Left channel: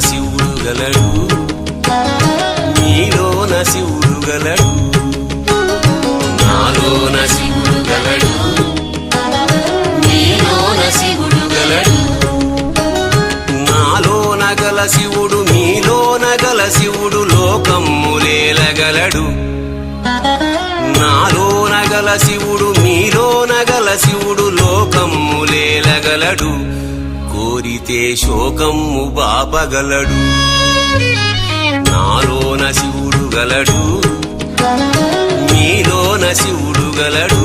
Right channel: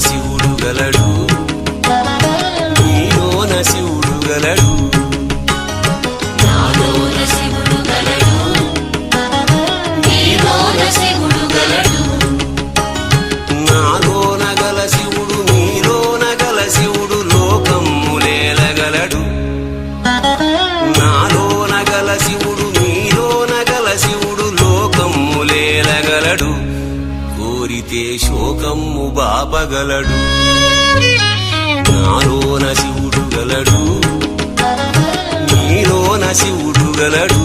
శివుడు గలడు నీలోన శివుడు గలడు నాలోన శివుడు గలడు నీలోన శివుడు గలడు నాలోన గల శివుడు నీలోన గల శివుడు లోకమ్ములేలగలడు నాలోన గల శివుడు నీలోన గల శివుడు లోకమ్ములేలగలడు కోరితే శోకమ్ము బాపగలడు నాలోన శివుడు గలడు నీలోన శివుడు గలడు